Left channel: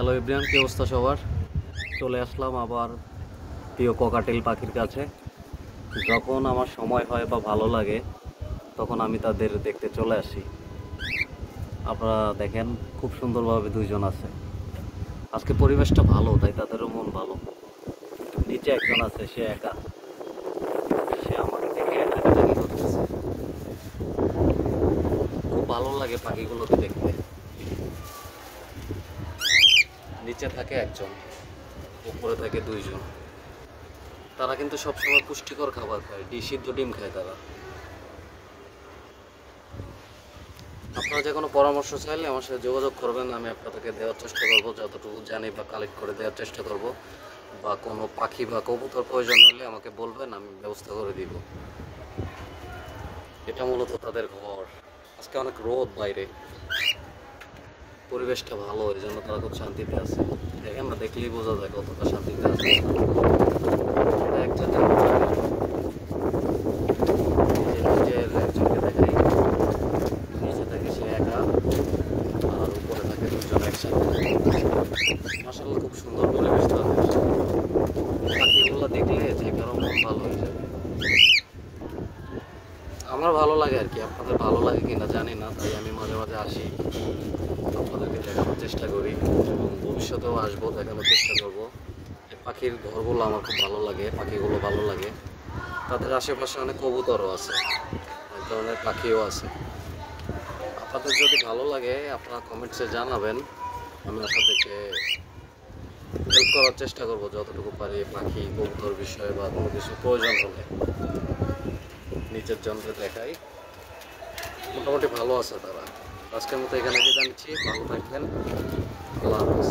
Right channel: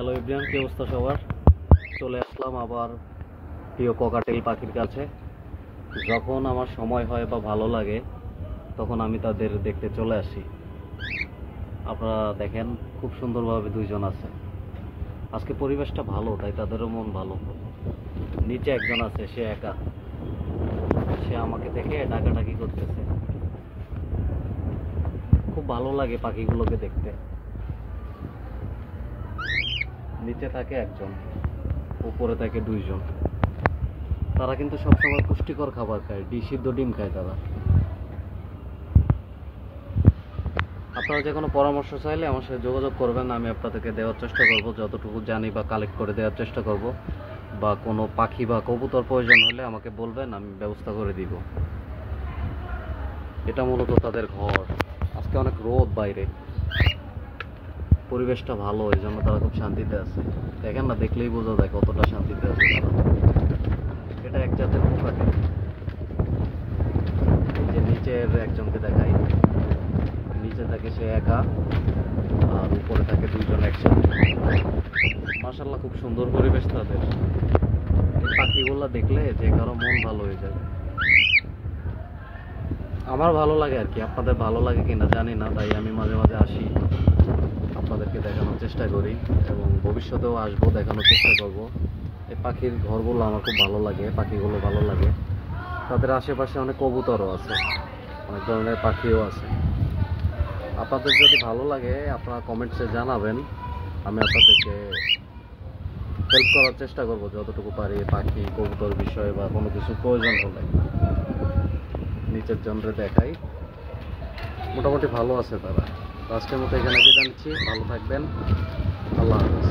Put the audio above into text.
Hello everyone, কি অবস্থা সবার? চলে আসলাম আবার প্রিয় ককাটেল পাখির কাছে। যখন আমার সময় হয় বা ভালো লাগে তখন আমি তাদের দেখতে চলে আসি। আপনারা দেখেন খুব সুন্দরভাবে দুইজন আছে। আজকে পরিবেশটা ভালো, তাই তাদেরও মন ভালো। নিচে একজন আছে, সে একা, সে আমাকে দেখে ডাকাডাকি করতেছে। খুব ভালো লাগে পাখিগুলোকে দেখতে। নিচে থাকে একজন, উপরে থাকে দুইজন। তারা কিন্তু সবসময় পুষ্টিকর খাবার খায়, সিদ্ধ ডিম খায় তারা। আপনারা যে কোনো পরামর্শ চাইলে আমার সাথে যোগাযোগ করবেন, আমি আপনাদেরকে দেওয়ার চেষ্টা করব, যতটুকু জানি বা কালেক্ট করে দেওয়ার চেষ্টা করব। বা কোনো পাখি বা কবুতর প্রয়োজন হলে আমাকে বলবেন, আমি ব্যবস্থা করে দিব। এটা মূলত তাদের ঘর। আজকে অনেক রোদ বাইরে, পরিবেশটা ভালো, এই জন্য তারা খুব শান্তিতে আছে। দেখেন না, দেখলেই বোঝা যায় কতটা শান্তিতে আছে। এটা এক জাতের নিচের একজনকে দেখাই, নিচে থাকে সে একা, আর উপরে থাকে দুইজন একসাথে। মাশাআল্লাহ, খুব সুন্দর পরিবেশ তাদের। পাখিগুলো দেখলে যে কারো মন ভালো হয়ে যাবে। আমার ভালো লাগে আর কি, আপনাদের ভালো লাগে কিনা জানি না, তাই আমি মাঝে মাঝে আসি, আপনাদেরকে দেখানোর চেষ্টা করি এবং ভবিষ্যতেও আসবো, দেখানোর চেষ্টা করব। এই পাখির ঘরগুলো আমার খুব ভালো লাগে, পাখিগুলো ভালো লাগে। তাদের আশেপাশে অনেক কবুতরও আছে, অনেক ধরনের পাখিও আছে। আপনাদের যদি ভালো লাগে আপনারা কমেন্টসে জানাবেন, আমি আপনাদেরকে হেল্প করার চেষ্টা করব যতটুকু পারি। পাখি কবুতর বিষয়ে বা কোনো কিছু প্রয়োজন হলে নিচের জনরে দেখাই। মোটামুটি ভালো আছে তারা। আজকের মতো এখানে বিদায় নিচ্ছি, ভালো থাকবেন, আল্লাহ হাফেজ।